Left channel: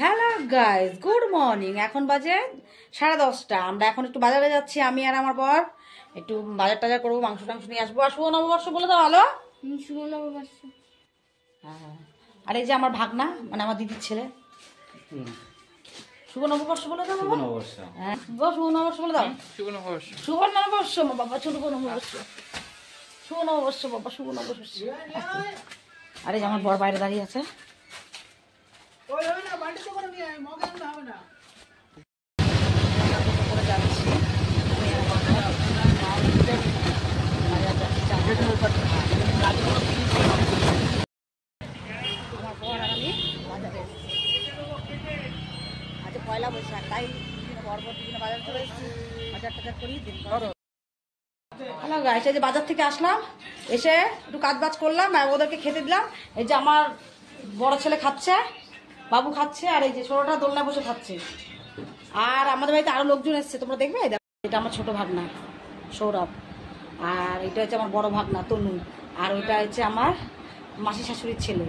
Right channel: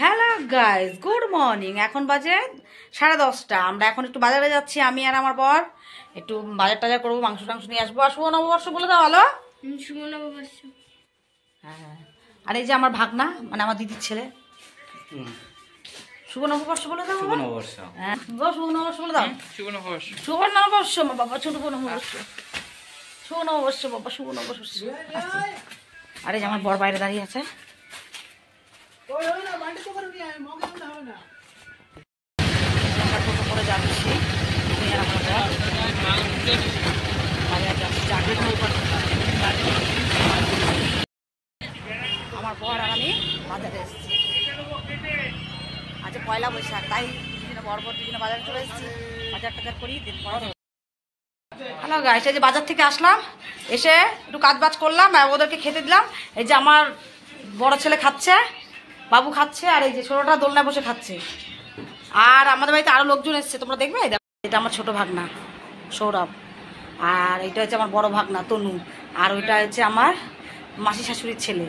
Hello guys, good morning. এখন বাজে 10:30। আমরা এখন একটু বাজারে যাচ্ছি, আমি আর আমার বর। একটু বাজার টাজার করবো, মাংস টাংস নিয়ে আসবো। আর শুভ নববর্ষ বলে দাও। ভালো শুভ নববর্ষ। হ্যাঁ, আর এই যে আমার ভাগনা, মানে আমার দিদির ছেলে। শুভ নববর্ষ বলে দাও। শুভ নববর্ষ। হ্যাঁ, শুভ নববর্ষ বলে দাও। শুভ নববর্ষ। শুভ নববর্ষ বাবা, শুভ নববর্ষ। শুভ নববর্ষ বাবা, শুভ নববর্ষ। আরে যে আমার বর বাইরে দাঁড়িয়ে আছে। করে যাচ্ছি আমার বর আর আমি বাজারে এসেছি। আজ পয়লা বৈশাখ, তাই দুদিনে বর দুদিনে বাজারে চলে এসেছি। বাজার টাজার করি, দিন পরে। হ্যালো গাইস, এই যে বাজার থেকে আসলাম, এসে একটু কাজ বাজ করলাম, ওদেরকে খেতে দিলাম। এই যে আমার বড় ছেলে খাচ্ছে, বাবু খাচ্ছে, আর এই যে ছোটটা দোলনায় বসে খাচ্ছে। আর আমাদের বাড়িতে আরো লোকজন এসছে, তোমরা দেখবে। এটা আমার ছোট ভাগনা সৌরভ, আর এটা হচ্ছে আমার বড় ভাগনা তনু, আর ওইটা হচ্ছে আমার মাসি শাশুড়ির ছেলে।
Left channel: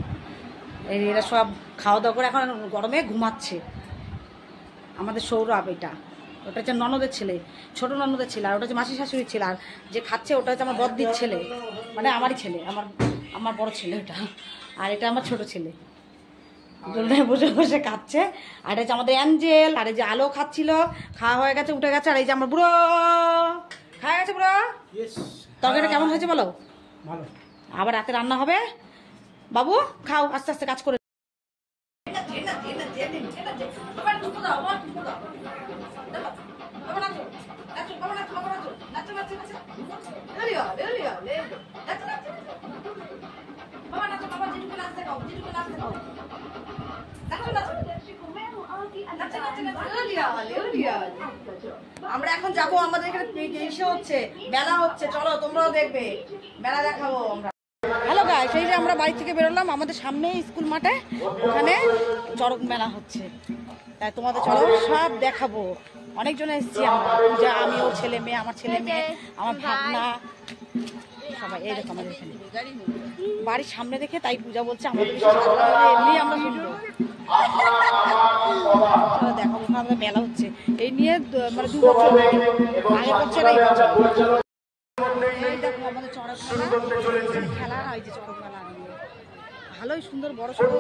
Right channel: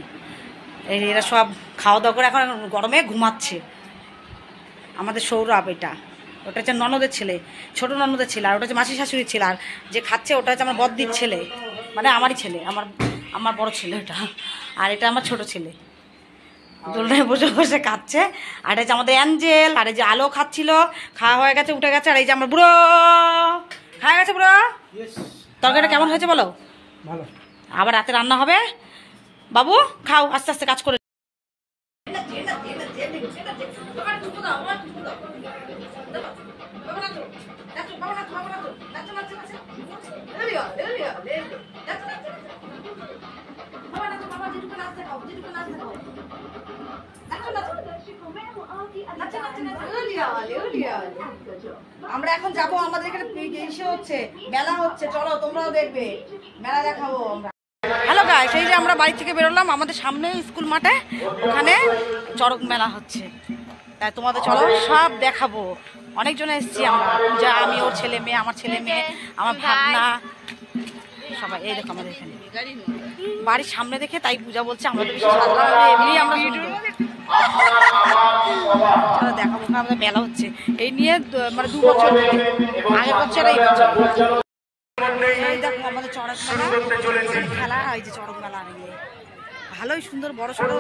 এরা সব খাওয়া দাওয়া করে এখন গরমে ঘুমাচ্ছে। আমাদের সৌরভ, এটা ওটা হচ্ছে ননদের ছেলে, ছোট ননদের ছেলে। আর ওটা হচ্ছে মাসি শাশুড়ির ছেলে। আর যে খাচ্ছে ওটা হচ্ছে আমার বদ্দির ছেলে, মানে আমারই ছেলে, আমার বড় ছেলে ওটা। আর এটা আমার ছোট ছেলে, দোলনায় বসে বসে খাচ্ছে। আর এই যে আমাদের অ্যাঞ্জেল, আর এই যে আলো খাচ্ছিল, খাওয়া হয়ে গেছে, উঠে গেছে। আর এই যে আমার বুড়ো খাওয়া গেছে। বুড়ো, তরকারিটা কেমন হয়েছে বলো? ভালো। আবার রাতে রান্না হবে। বাবু খাও, আস্তে আস্তে কাজ করে। আমরা এখন যাবো, আমাদের এখানে ইসে হচ্ছে, মেলা হচ্ছে। চলো তোমরাও দেখবে, মেলা দেখাবো আমরা। হ্যালো গাইস, এই যে আমরা বাড়ি থেকে বেরোলাম, আমাদের সামনে স্কুল মাঠে ওখানে চড়ক মেলা হচ্ছে। তাই তোমাদের চলো সব দেখাবো। অনেকজন এসেছি আমরা, পূজা, আমি, ওর ছেলে মেয়ে, আমার ছেলে মেয়ে, আমার ভাগনা, সবাই। এই দেখো আমাদের এখানে বাড়ির সামনে দেখে তাই পূজা বলছে আমরা তো বেশি সাজলাম, এমনি আমরা সুন্দর। দেখাবো আমাদের মেলা হচ্ছে এই নিয়ে, মানে 2 বছর আগের বছর, এই বছর। এই দেখো আমাদের চড়ক মেলা খেলা, এই যে চড়ক মেলা নিয়ে ভালোই সুন্দর বড় সড়ো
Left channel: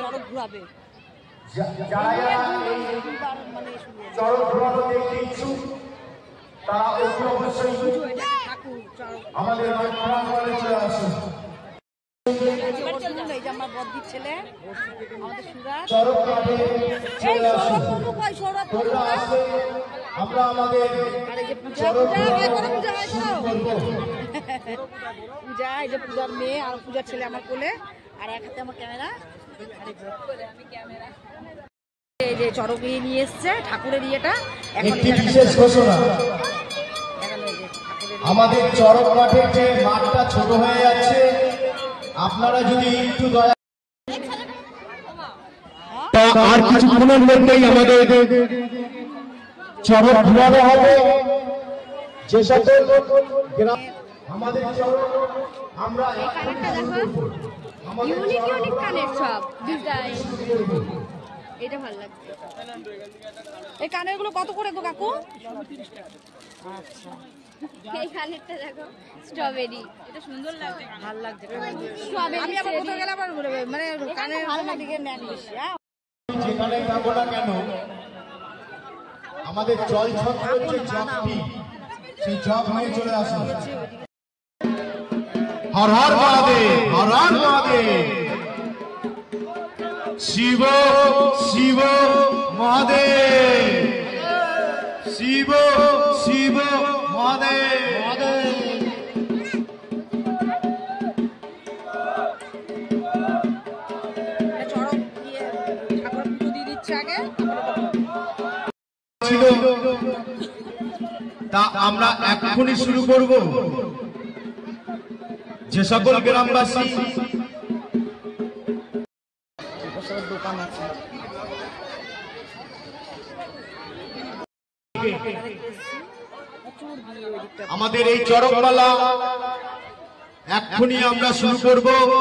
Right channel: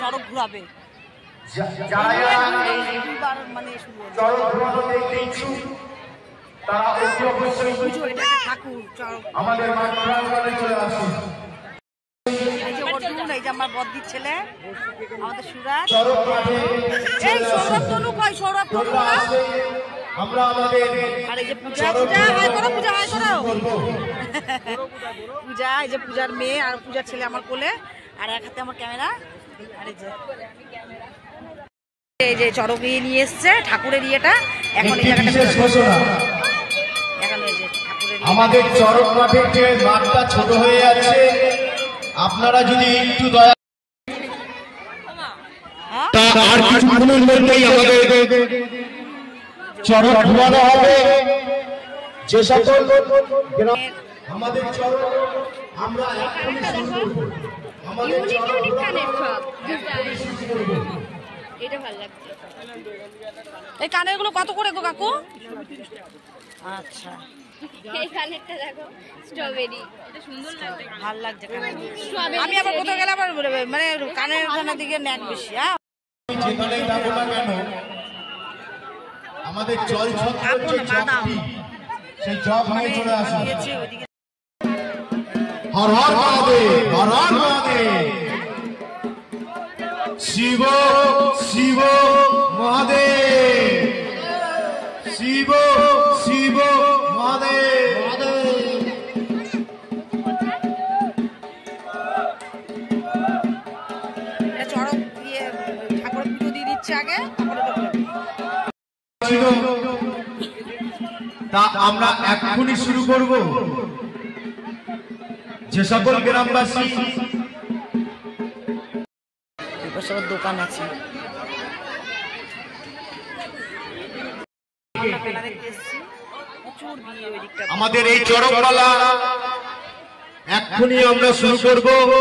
চড়ক ঘুরাবে। ঠাকুর চড়ক, এই যে অর্জুন, এই যে আমার বদ্দির ছেলে, আমাদের সুরাজ। এই সৌরভ তনু কই? সৌরভ তনু না? আর এই যে পূজা, পূজা হাই করো, পূজা হাই করো। পূজা, এই যে পূজার মেয়ে আর পূজার ছেলে আমার কোলে, আর এক হাতে আমার ক্যামেরা। আর এই যে চড়ক নিয়ে এসছে, ঠাকুরের ইয়েটা এখন এই জায়গাটা এখন এই যে ঠাকুরের আমাদের চড়ক মাঠের যে মাঠটা ছোট হয়ে যাচ্ছে, আপনারা যদি একটু দয়া আর কিছুক্ষণের মধ্যেই আমাদের চড়ক ঘুরানো হবে। যে সকল আমাদের চড়ক আমরা এখনই শুরু করব। আমাদের এটা ভালো লাগছে। এই কানের গুলো কত করে গো কাকু? আচ্ছা, এই কানেরটা দেখো, স্ট্রবেরি, এটা সুন্দর লাগছে, ভালো লাগছে। আমি আবার কোথাও গেলে আবার মানে কানের ওখানের দিকে ন্যাক বেশি। হ্যাঁ, যেখানে যাবো না কেন আমাদের জল ছত্র সেই জগ নিয়ে চলে আসে। হর হর মহাদেব, হর হর মহাদেব, শিব শিব মহাদেব, শিব শিব মহাদেব। চড়ক দিয়ে ঠাকুরের পুজো দিয়ে দিচ্ছে আগে, তারপরে তা আমরা এখনই শুরু করব। যে সকল গ্রামবাসী দোকান আছে, আমাদের এই চড়কপালা এক্ষুনি আমরা শুরু করব।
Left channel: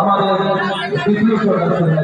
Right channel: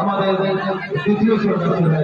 আমাদের দ্বিতীয় সদস্য